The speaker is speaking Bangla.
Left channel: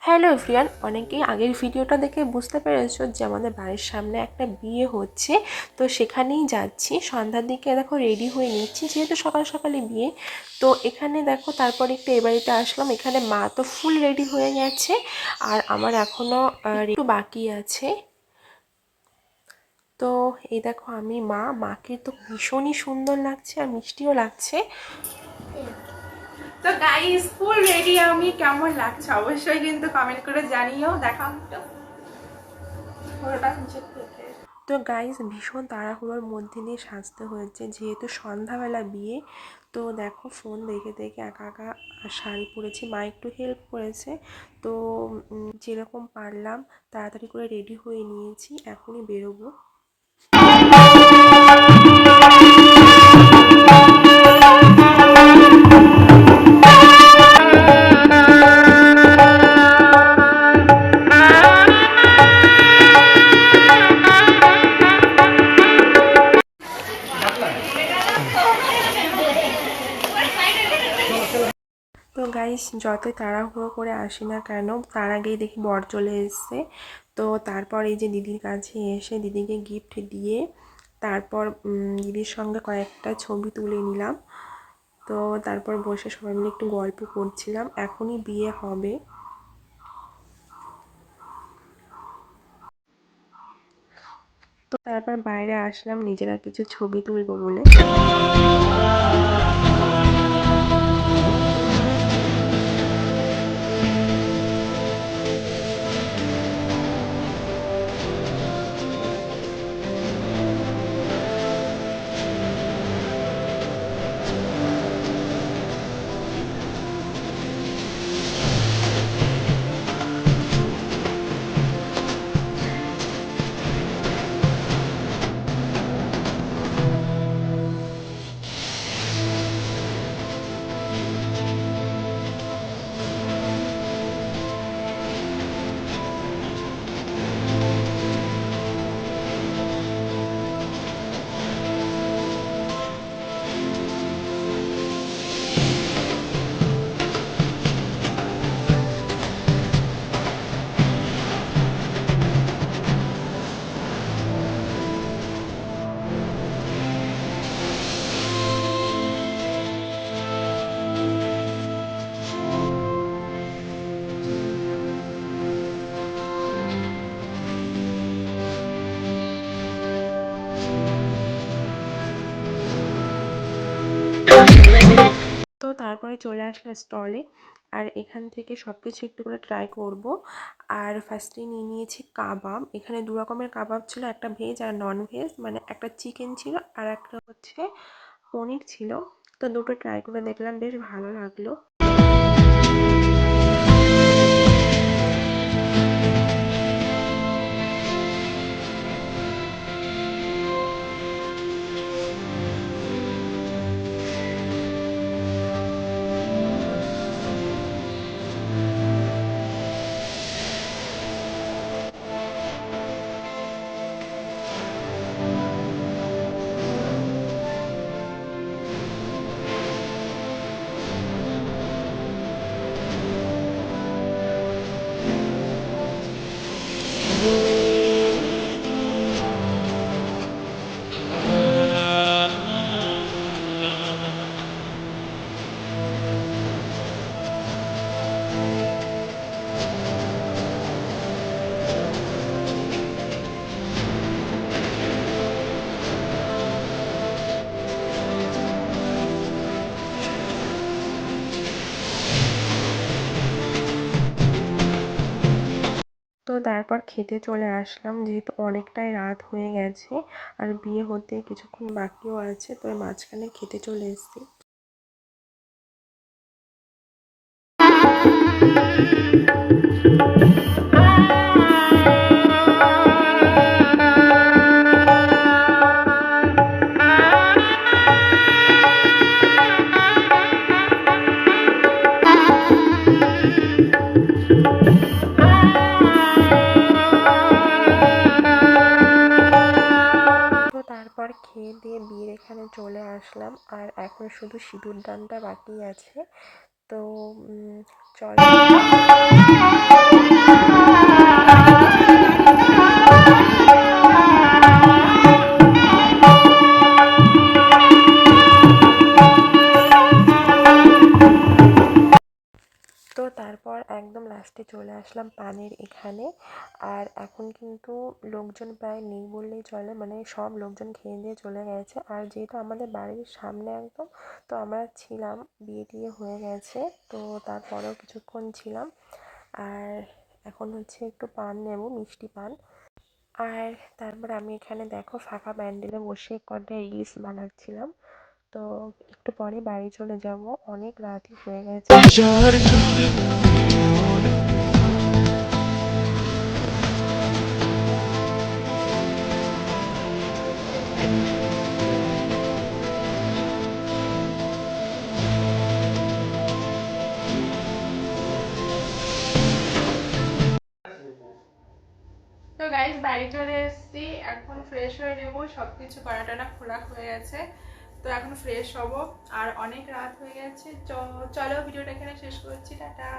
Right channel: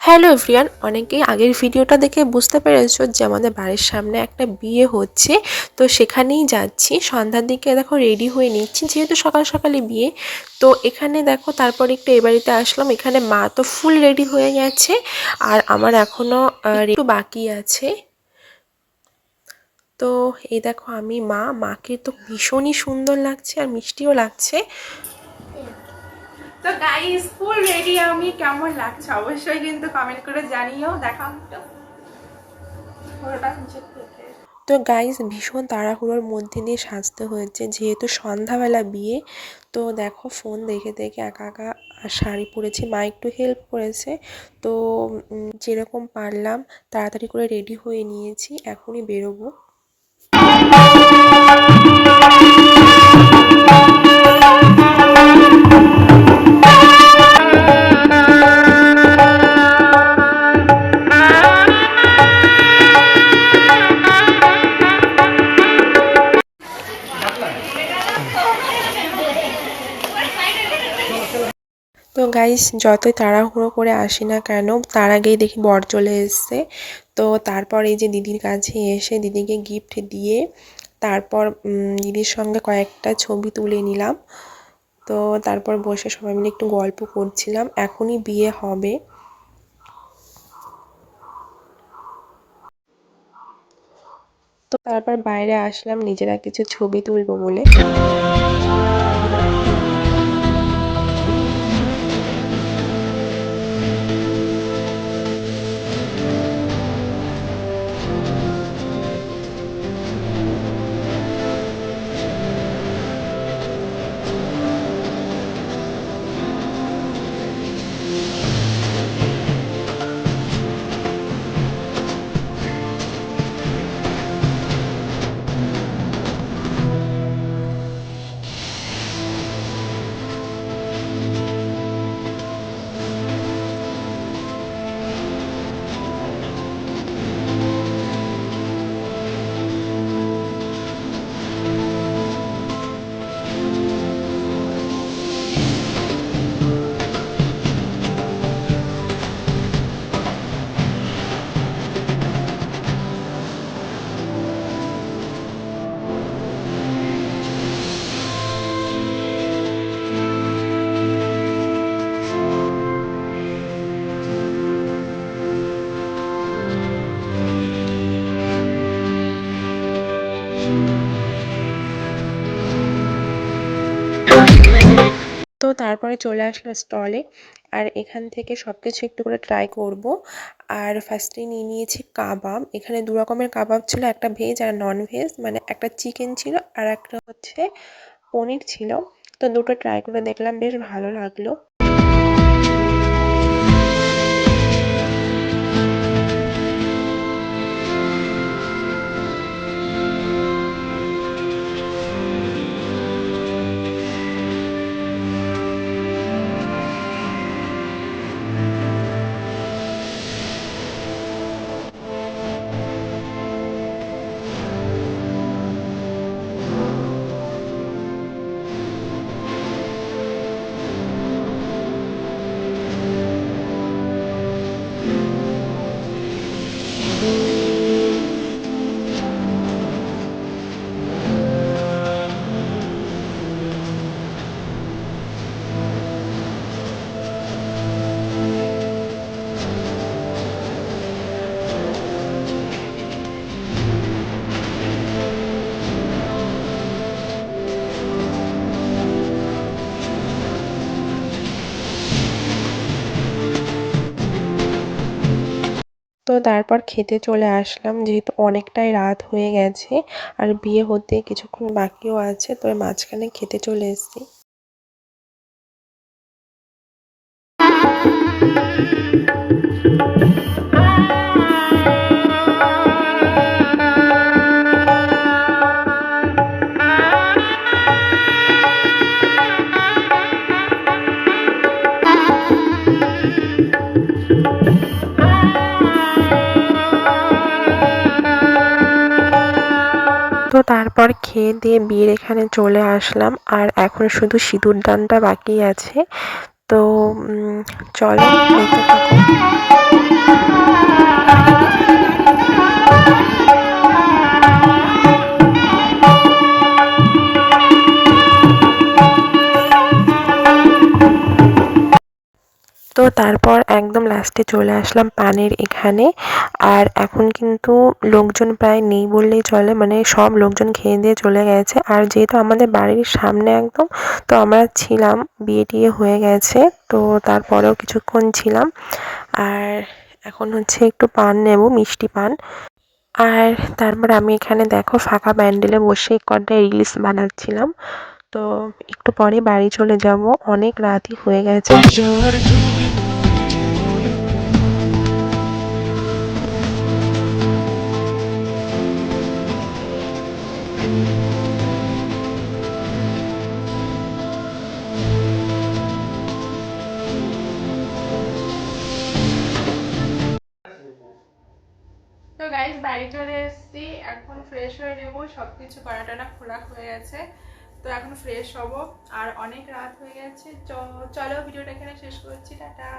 হ্যালো এভরিওয়ান, অনেকেই আগের ভিডিওটা দেখে বুঝতে পেরেছো যে আমাদের বাড়ির সামনে একটা বিয়ে হচ্ছে। তো সেখানেই যাচ্ছি। সন্ধ্যার দিকে দেখো রেডি হয়ে নিচ্ছি, যেহেতু সকাল সকালে বিয়ে। তো এখানে দেখো তারপর একটু এ বাড়িতে আসলাম। এখানে মা তো ফুল রেডি হয়ে গেছে, আর আমার এখনও একটু বাকি আছে। তো এই দেখো আমি মাকে তো ভীষণই সুন্দর লাগছে আর মিষ্টিও লাগছে। তো গাইস ফুল রেডি, আমি কেমন লাগছে অবশ্যই কিন্তু কমেন্ট করে জানিও। দেখাও একটু পুরোটা নিচে। তো গাইস ভীষণ তাড়াহুড়োর মধ্যে দিয়ে সাজতে হয়েছে, যেহেতু সন্ধ্যাবেলা বিয়ে। তো দেখো ফোন দেখে দেখে একা একা শাড়ি পরেছি, মা একটু হেল্প করেছে। তো যেরকম পারলাম তাড়াতাড়ি করে রেডি হয়ে নিয়েছি, এখনই বেরোবো। তো গাইস যতই তাড়াহুড়ো করে আসি না কেন, তার আগেই দেখি বর চলে এসছে। তো তারপর এই যে দিদির কাছে এসে দিদিকে গিফট দিয়ে তারপর দিদির সঙ্গে কয়েকটা ছবি তুলে নিলাম। তো তারপর বসে সবাই মিলে একটু গল্প করছিলাম, এখনই বিয়ে হবে। তো তারপর বাইরে আসলাম নিজেরা কিছু ছবি তুলবো বলে। তো তারপরে চলে আসলো স্টলে, আর এখান থেকে সব কিছু একটু করে ট্রাই করব। আর ফার্স্টে নিয়ে নিয়েছি কাবাব। এখানে দু রকমের কাবাব ছিল, একটা ভেজ আর নন ভেজ, মানে একটা চিকেন ছিল আর একটা হচ্ছে পনির ছিল। তো দুটো ট্রাই করে দেখলাম, বেশ ভালো লাগলো। তো তারপর খেতে চলে আসলাম, যেহেতু অনেকটাই রাত হয়ে গেছে আর বিয়ে হতে কিছুক্ষণ বাকিও আছে। তো মাঝখানে খেতে চলে এসেছি। তো তারপর খেয়ে দিয়ে বিয়ের এখানে চলে আসলাম, আর এখন শুধু সিঁদুর দানটা বাকি আছে। তো চলো। একদম লাস্টে চলে আসলাম পানের এখানে। আর এখন কিন্তু লোকজন প্রায় নেই বললেই চলে, মানে সব লোকজন খেয়ে দিয়ে চলে গেছে। আর যেহেতু আমাদের বাড়ির সামনে একদম, তো আমরা ছিলাম, বিয়ে টিয়ে হয়ে গেছে, তো তারপরেও কিছুক্ষণ ছিলাম। আর এখন হচ্ছে একটু পান নেব, মিষ্টি পান। আর তারপর আমি এখানে দেখো ফাঁকা প্যান্ডেলে বসে কটা রিলস বানাচ্ছিলাম। তো একটু পরে বাড়ি চলে যাব, অনেক রাতই হয়ে গেছে। তো গাইস বাড়ি চলে এসেছি, এখন ফ্রেশ হয়ে নেবো, সবকিছু করাটানা খোলা হয়ে গেছে। তো এখন ফ্রেশ হব, আর অনেক রাত হয়ে গেছে। চলো ভিডিওটা এখানে শেষ করছি, টাটা।